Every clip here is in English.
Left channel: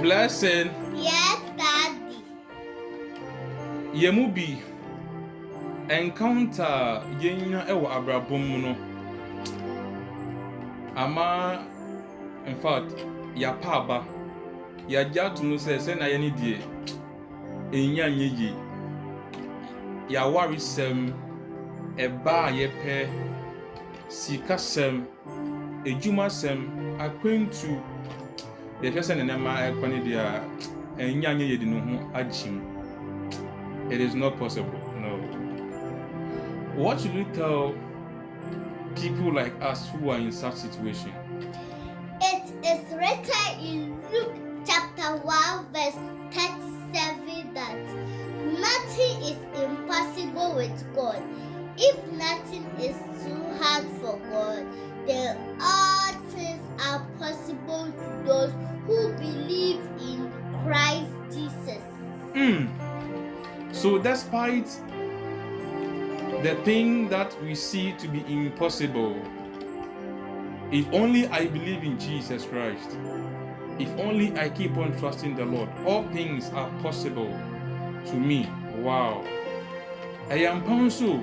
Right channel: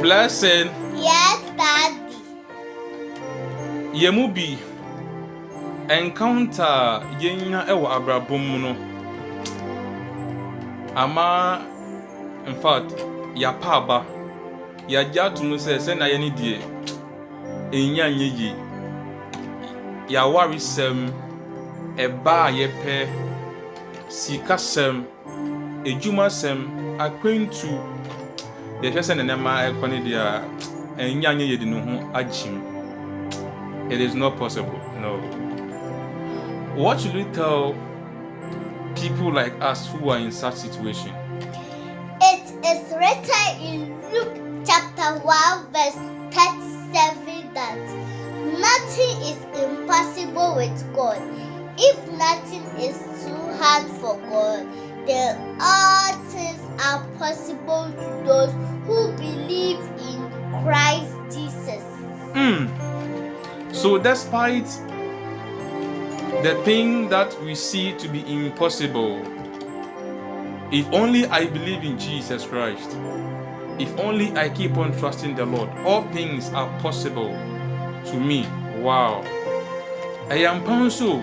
Blessing. Yes, Daddy. Yemubi encounter yenya ewo abrabom no. Ama in fact ya paba ya jatu no se na ye ni die enya nyeyi ya warisem eba ye pe sikasem ejumasem akwentu ye hwese ne nema ekone dia enya nyeyi de no ho agim. It is not possible. No. What should we tell people like us who are in such situation? It is written in Luke chapter 1 verse 37 that nothing is impossible with God. If nothing is too hard for God, then all things are possible to those who believe in Christ Jesus. So despite the thing that we see to be impossible, if only I believe in Jesus Christ, if only I keep on trusting the Lord, all things are possible to me. Wow. I am panso.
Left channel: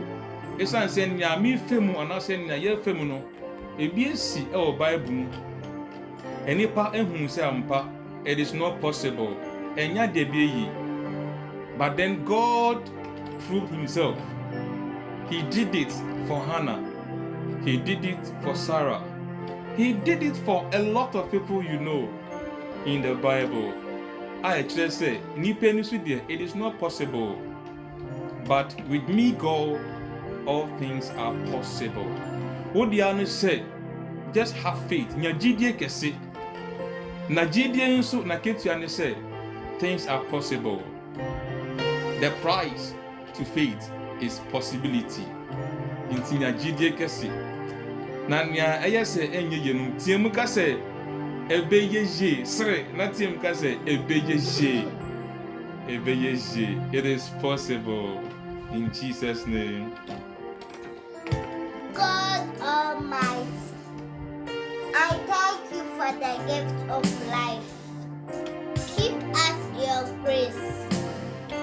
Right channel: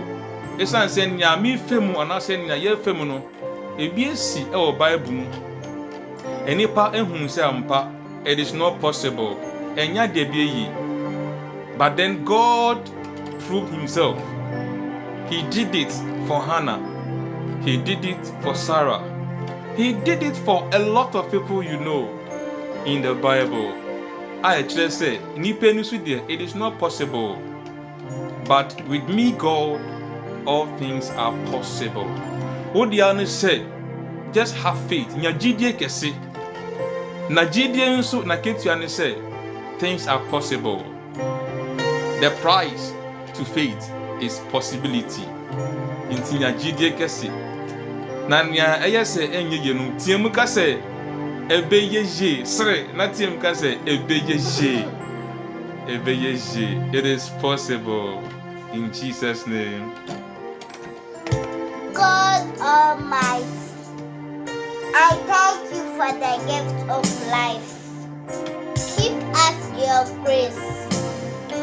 Esan se nya mi femu anase nya ye femu no, ebi esi e o Bible mu. Enipa ehun se ampa, it is not possible. Enya de bi yi. But then God proved himself. He did it for Hannah. He did it for Sarah. He did it for a lot of people you know in the Bible. I actually say, it is not possible. But with me, God, all things are possible. What the other say, just have faith. Gyidi Kɛse. Na Gyidi nso na ketua say, things are possible. The price to faith is possibility. Inti Gyidi Kɛse. Na nya eye se enye ye no tiem ka se ebɛyɛ sre na tiem ka se ebɛyɛ. It is possible in Jesus name. God Almighty, I thank you for the gift of life. Keep us in your grace.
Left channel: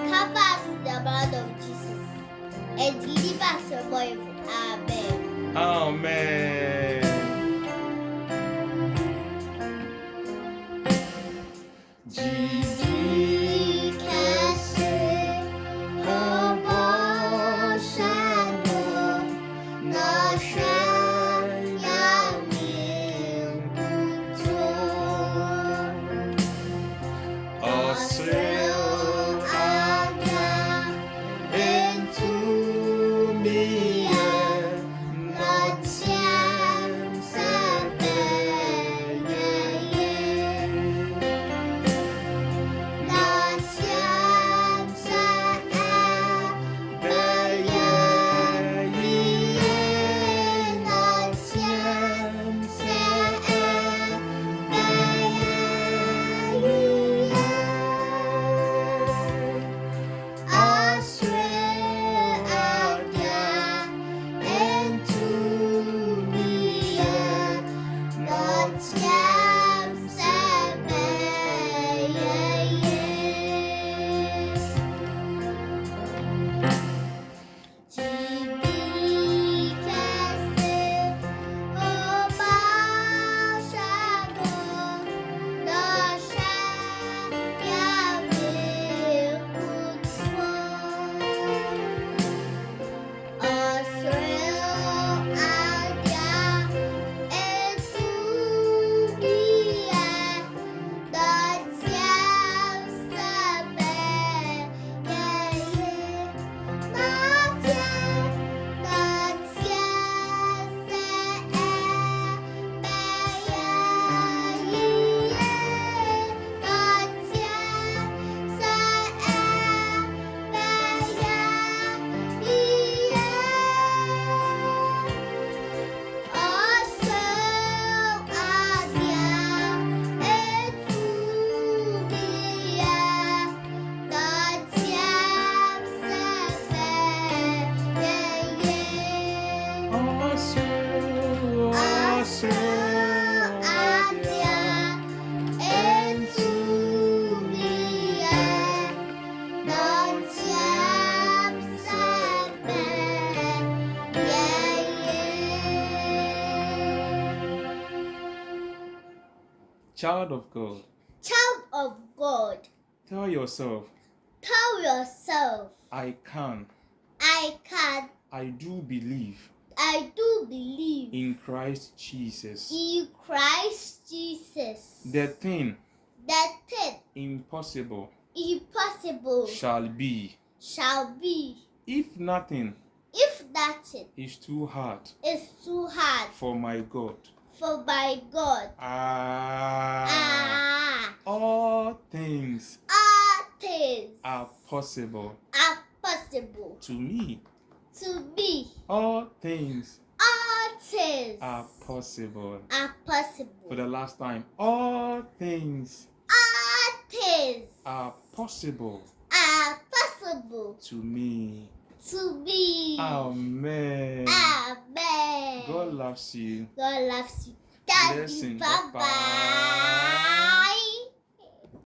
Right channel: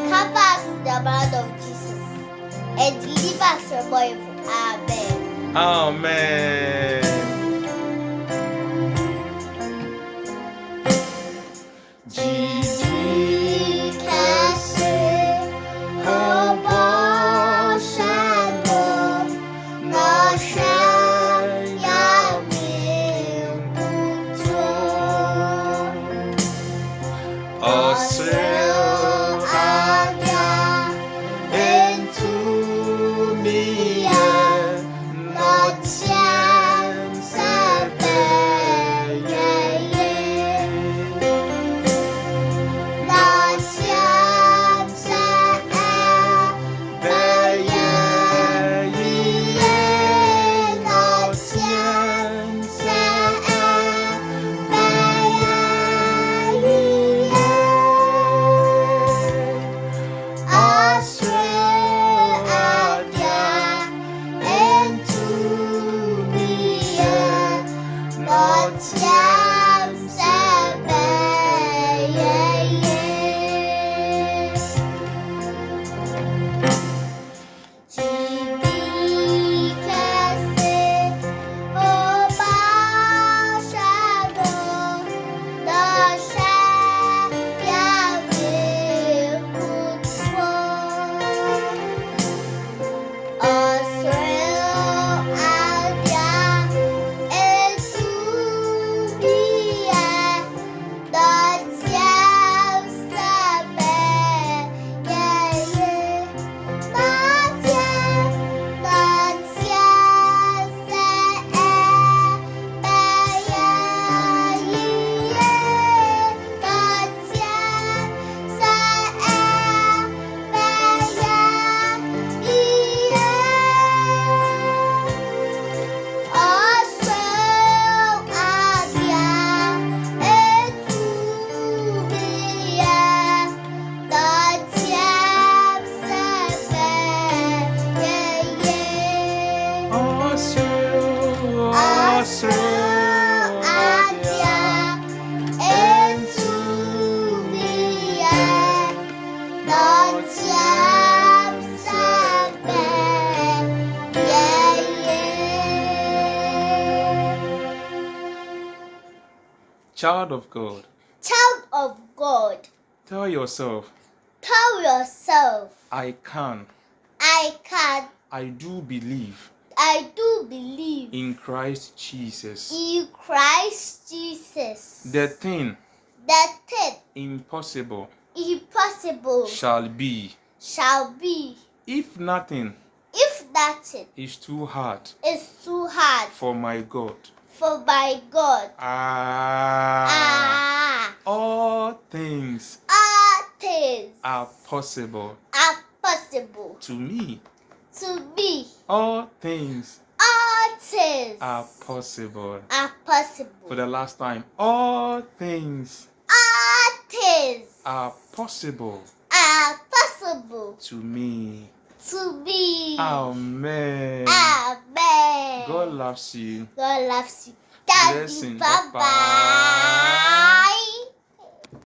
Cover us with the blood of Jesus and deliver us from evil. Amen. Amen. Gyidi Kɛse, bɔhyɛ no, Ɔhwɛ Nyame nkutoo. Ɔserew entumi Ɔteɛm Ɔserew entumi Child of God. Child of God. Tell yourself, Tell yourself, I can. I can. I do believe. I do believe In Christ Jesus. in Christ Jesus. The thing The thing impossible impossible shall be. If nothing Is too hard is too hard for my God. for my God. All things All things are possible are possible to me. to me. All things All things are possible. are possible. For the last time, all things All things are possible are possible to me. to me. Amen. Amen. God loves you. God loves you. Thank you. Blessing. Bye Bye-bye. bye.